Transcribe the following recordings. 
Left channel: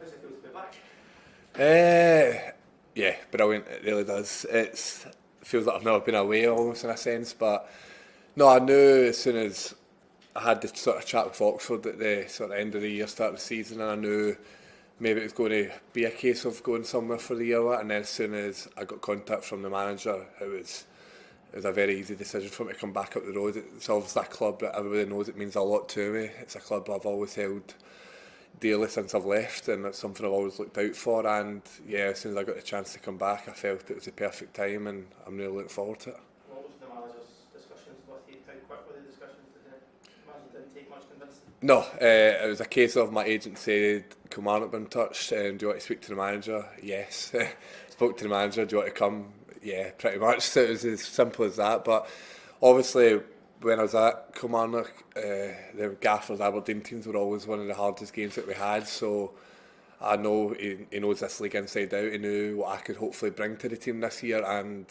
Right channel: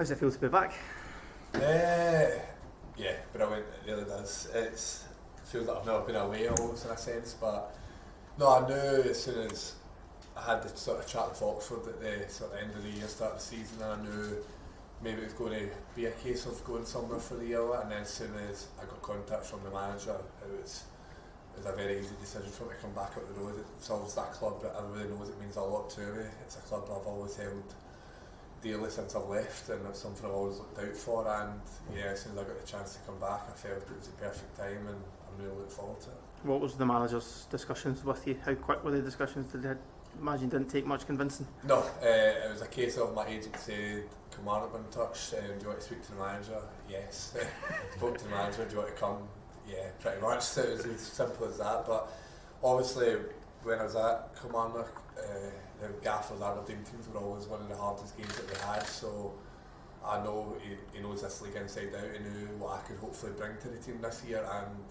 How's it feel to be back? Yeah, brilliant. It really does. It feels like I've never been away almost in a sense, but no, I knew as soon as I had the sort of chat with Oxford at the sort of end of the year, start of the season, and I knew maybe it was going to be a case of going somewhere for the year. And then as soon as I got contact from the manager, it was a very easy decision for me to come back up the road. It's obviously a club that everybody knows it means a lot to me. It's a club I've always held dearly since I've left, and it's something I've always looked out for. And yeah, as soon as I got the chance to come back, I felt it was the perfect time, and I'm really looking forward to it. What was the manager's discussions with you? How quick were the discussions? Did they imagine didn't take much convincing? No, it was a case of my agent said, Kilmarnock been touched, do you want to speak to the manager? Yes. Spoke to the manager, do you want to come? Yeah, pretty much. So it was as simple as that. But obviously, when I was at Kilmarnock, the Gaffers Aberdeen teams were always one of the hardest games that we had. So I know he knows this league inside out. He knew what I could hopefully bring to the team this year, and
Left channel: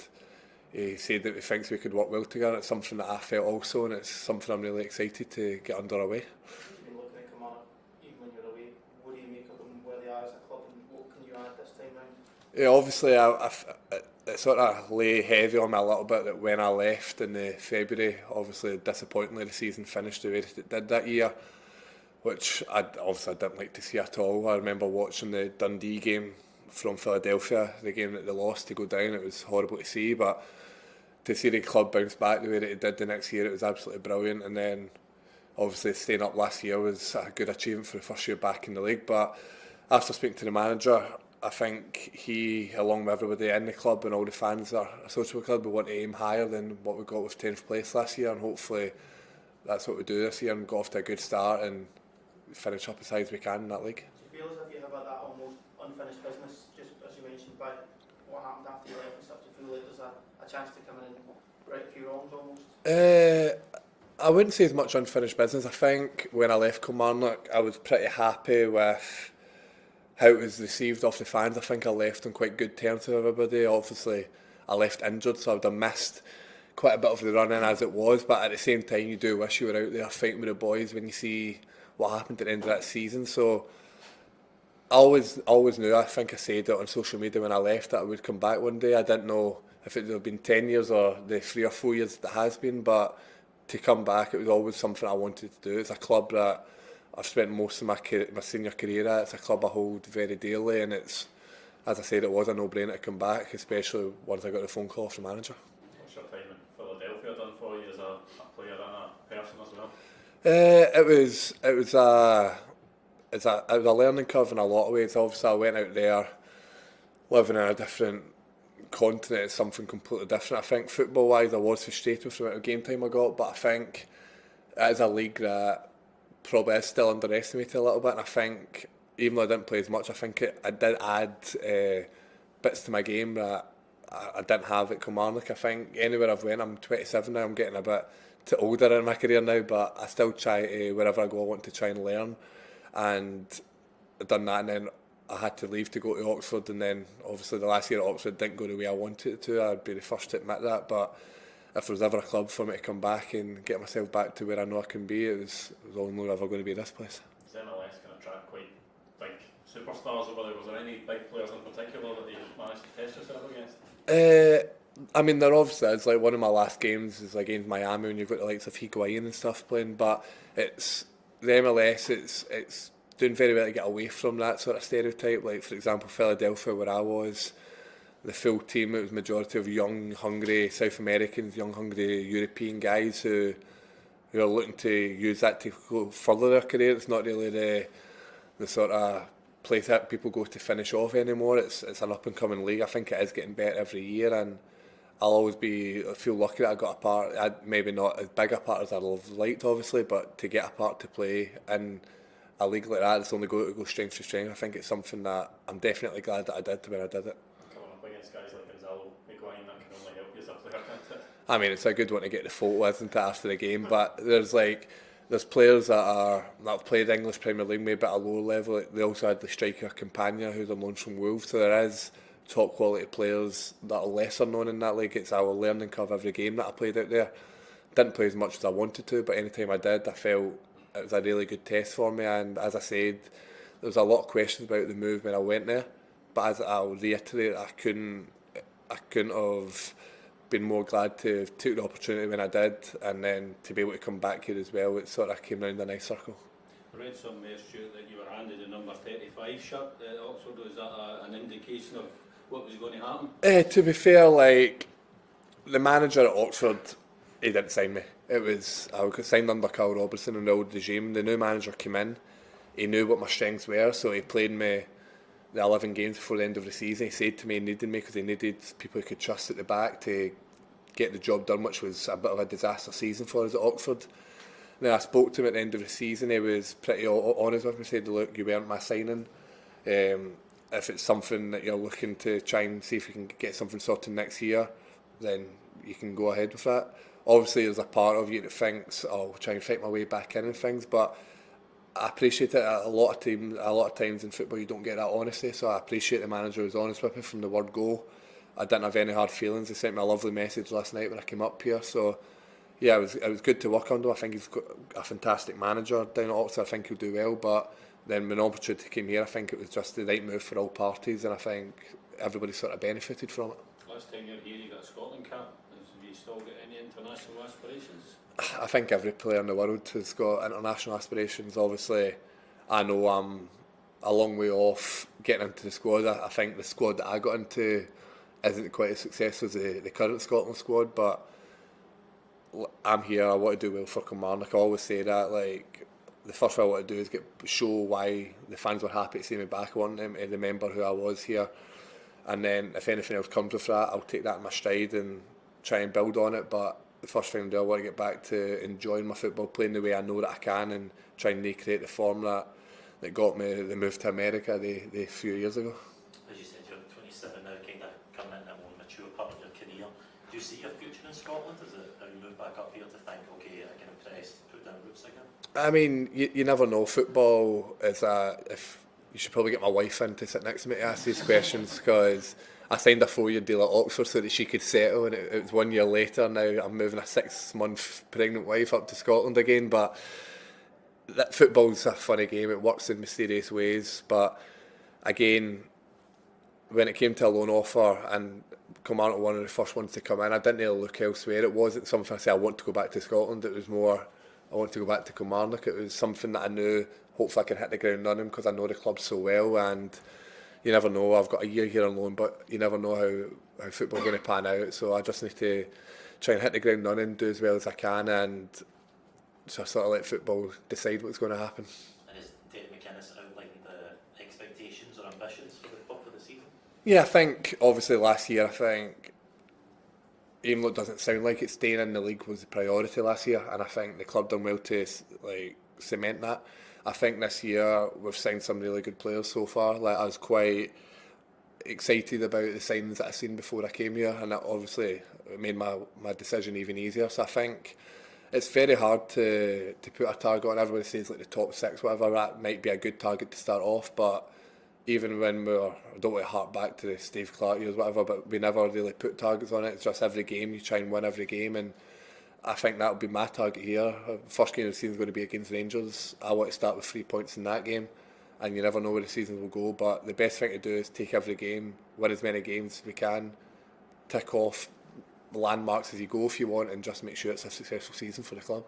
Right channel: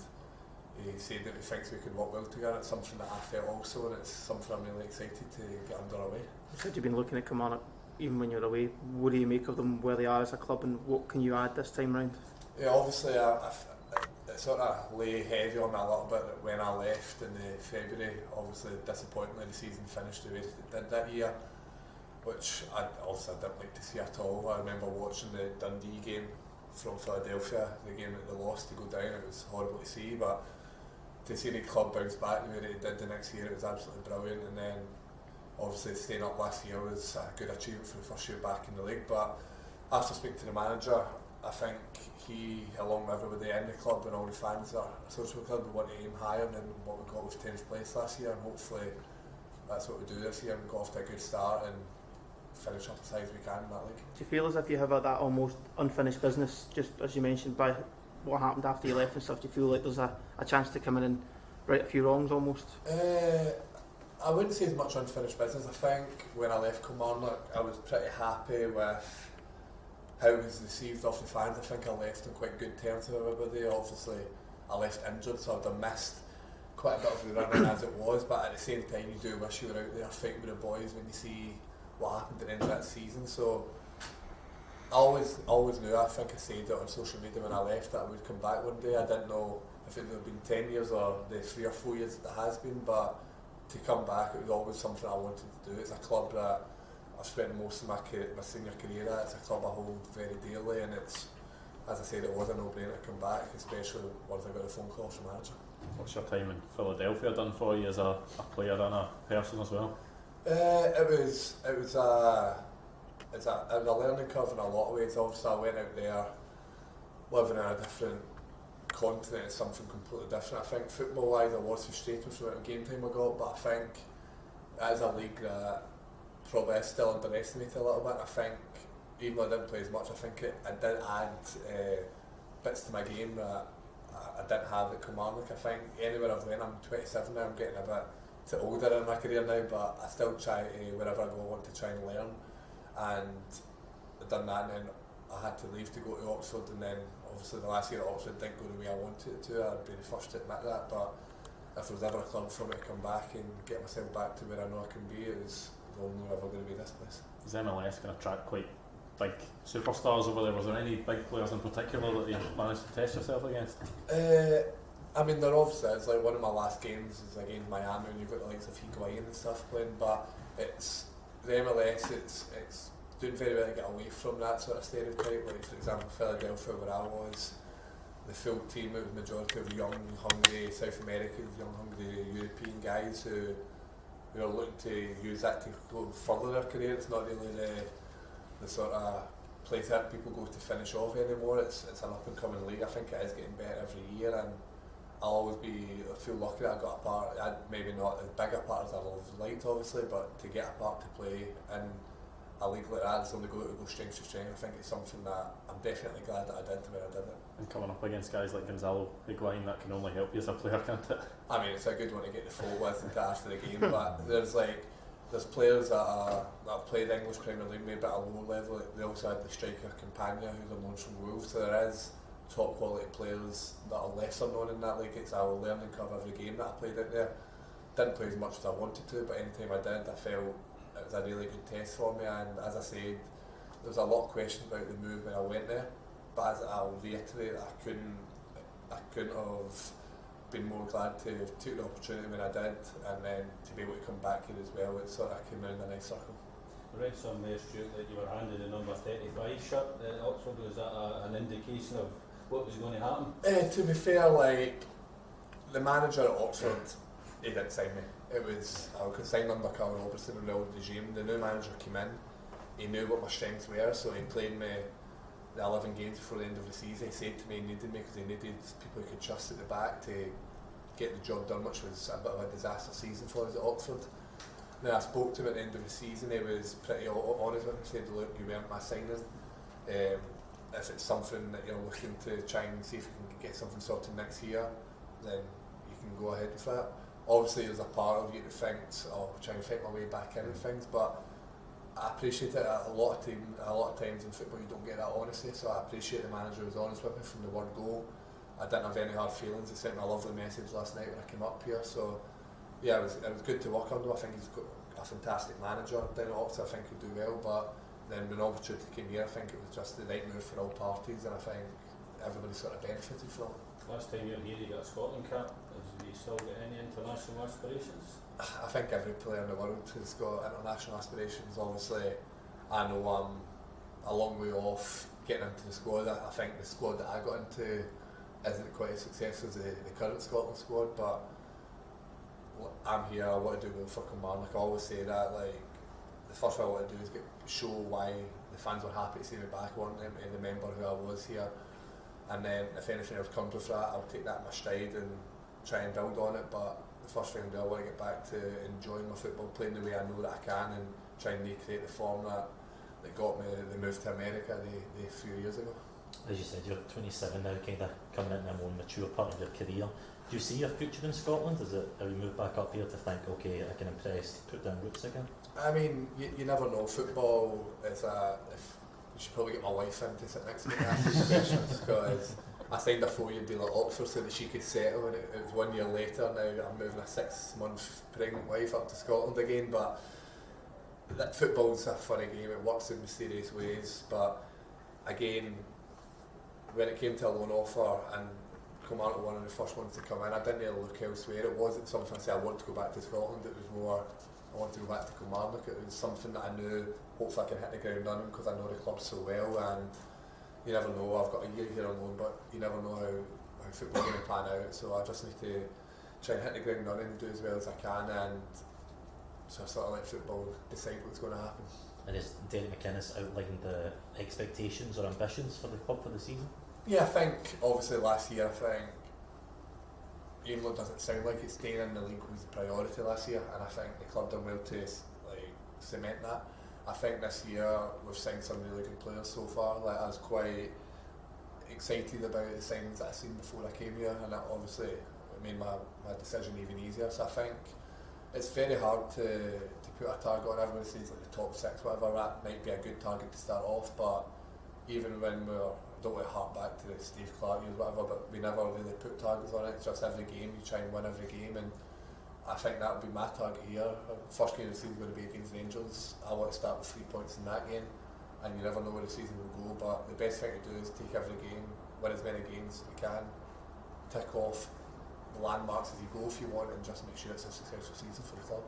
he said that he thinks we could work well together. It's something that I felt also, and it's something I'm really excited to get underway. You said you've been looking at Kilmarnock even when you're away. What do you make of them, where they are as a club, and what can you add this time round? Yeah, obviously, it sort of lay heavy on me a little bit that when I left in the February, obviously disappointingly the season finished the way that it did that year, which I didn't like to see at all. I remember watching the Dundee game from Philadelphia, the game that they lost to go down. It was horrible to see, but to see the club bounce back the way that it did the next year, it was absolutely brilliant. And then obviously staying up last year was a good achievement for the first year back in the league. But after speaking to the manager, I think he, along with everybody in the club and all the fans that are associated with the club, we want to aim higher than what we got with 10th place last year, and hopefully that's what we do this year and go off to a good start and finish up as high as we can in that league. Do you feel as if you have that almost unfinished business, just as you mentioned, by what happened after you left and stuff? Do you feel like there's a chance to come in and right a few wrongs almost? I wouldn't say as much unfinished business. I think when I left Kilmarnock, I was pretty happy with how it was received off the fans. I think I left on quite good terms with everybody. Obviously, I left injured, so I would have missed quite a bit of the run-in as it was, but at the same time, you do wish you were out there fighting with the boys when you see what happened at the end of that season. So I always knew, I think I said it on social media when I left, that I would come back one day. I didn't know if it would have been 10 years or the 3 or 4 years that it has been, but to come back, it was always something I wanted to do. It's a club that I've spent most of my senior career at. It's a club I hold very dearly, and it's, as I said, it was a no-brainer to come back, especially once I got the phone call off the manager. What's your time in Philadelphia done for you as a player and a person as well? It was a learning curve in a lot of ways. Obviously, I went out there living in a different continent. It's something completely different. I think football-wise, I was frustrated with the amount of game time I got, but I think it is a league that probably is still underestimated a little bit. And I think even though I didn't play as much, I think I did add bits to my game that I didn't have at Kilmarnock. I think anywhere I've went, I'm 27 now, I'm getting a bit too older in my career now, but I still try to, wherever I go, I want to try and learn. And I've done that, and then I had to leave to go to Oxford, and then obviously the last year at Oxford didn't go the way I wanted it to. I'd be the first to admit that, but if there was ever a club for me to come back and get myself back to where I know I can be, it was only ever going to be this place. Is MLS going to attract quite big superstars over there? Was there any big players in particular that you managed to test yourself against? I mean, there obviously is. Like, one of my last games is against Miami when you've got the likes of Higuain and stuff playing, but it's the MLS, it's doing very well to get away from that sort of stereotype. Like, for example, Philadelphia, where I was, the full team, it was majority of young, hungry South Americans, young, hungry European guys who are looking to use that to go further their career. It's not really the sort of place that people go to finish off anymore. It's an up and coming league. I think it is getting better every year, and I'll always feel lucky that I got a part. Maybe not as big a part as I'd have liked, obviously, but to get a part to play in a league like that, it's only going to go strength to strength. I think it's something that I'm definitely glad that I did when I did it. And coming up against guys like Gonzalo Higuain, that can only help you as a player, can't it? I mean, it's a good one to get the photo with, isn't it, after the game, but there's players that have played English Premier League maybe at a lower level. They also had the striker Campagna, who's on loan from Wolves, so there is top quality players that are lesser known in that league. It's our learning curve every game that I played out there. Didn't play as much as I wanted to, but any time I did, I felt it was a really good test for me. And as I said, there was a lot of questions about the move when I went there, but as I'll reiterate, I couldn't have been more glad to have took the opportunity when I did, and then to be able to come back here as well, it sort of came round a nice circle. I read somewhere, Stuart, that you were handed the number 35 shirt at Oxford. Was that an indication of what was going to happen? To be fair, like, the manager at Oxford, he didn't sign me. I was signed under Carl Robertson and the old regime. The new manager came in, he knew what my strengths were, so he played me the 11 games before the end of the season. He said to me he needed me because he needed people he could trust at the back to get the job done, which was a bit of a disaster season for us at Oxford. Now, I spoke to him at the end of the season. He was pretty honest with me. He said, look, you weren't my signing. If it's something that you're looking to try and see if you can get something sorted next year, then you can go ahead with that. Obviously, there's a part of you that thinks, I'll try and fight my way back in and things, but I appreciate it. A lot of times in football you don't get that honesty, so I appreciate the manager was honest with me from the word go. I didn't have any hard feelings. He sent me a lovely message last night when I came up here, so yeah, it was good to work under him. I think he's got a fantastic manager down at Oxford. I think he'll do well, but then when the opportunity came here, I think it was just the right move for all parties, and I think everybody sort of benefited from it. Last time you were here, you got a Scotland cap. Have you still got any international aspirations? I think every player in the world has got international aspirations. Obviously, I know I'm a long way off getting into the squad. I think the squad that I got into isn't quite as successful as the current Scotland squad, but I'm here, I want to do well for Kilmarnock. I always say that, like, the first thing I want to do is show why the fans were happy to see me back. I want them to remember who I was here, and then if anything else comes with that, I'll take that in my stride and try and build on it. But the first thing I do, I want to get back to enjoying my football, playing the way I know that I can, and try and recreate the form that got me the move to America the few years ago. As you said, you're 27 now, kind of coming into a more mature part of your career. Do you see your future in Scotland? Have you moved back up here to think, okay, I can impress, put down roots again? I mean, you never know. Football is you should probably get my wife in to sit next to me to ask these questions, because I signed a 4-year deal at Oxford so that she could settle, and it was 1 year later. Now I'm moving a 6-month pregnant wife up to Scotland again. But that football's a funny game. It works in mysterious ways. But again, when it came to a loan offer and Kilmarnock were one of the first ones to come in, I didn't really look elsewhere. It wasn't something I said I want to go back to Scotland. It was more I want to go back to Kilmarnock. It was something that I knew hopefully I could hit the ground running because I know the club so well, and you never know. I've got a year here on loan, but you never know how football's going to pan out. So I just need to try and hit the ground running, do as well as I can, and just sort of let football decide what's going to happen. And has Derek McInnes outlined the expectations or ambitions for the club for the season? Yeah, I think obviously last year, I think even though it doesn't sound like it, staying in the league was the priority last year, and I think the club done well to like cement that. I think this year we've signed some really good players so far. Like, I was quite excited about the signings that I've seen before I came here, and that obviously made my decision even easier. So I think it's very hard to put a target on. Everybody says like the top 6, whatever, that might be a good target to start off, but even when I don't want to hark back to the Steve Clark years, whatever, but we never really put targets on it. It's just every game, you try and win every game, and I think that'll be my target here. First game of the season is going to be against Rangers. I want to start with 3 points in that game, and you never know where the season will go, but the best thing to do is take every game, win as many games as we can, tick off the landmarks as you go if you want, and just make sure it's a successful season for the club.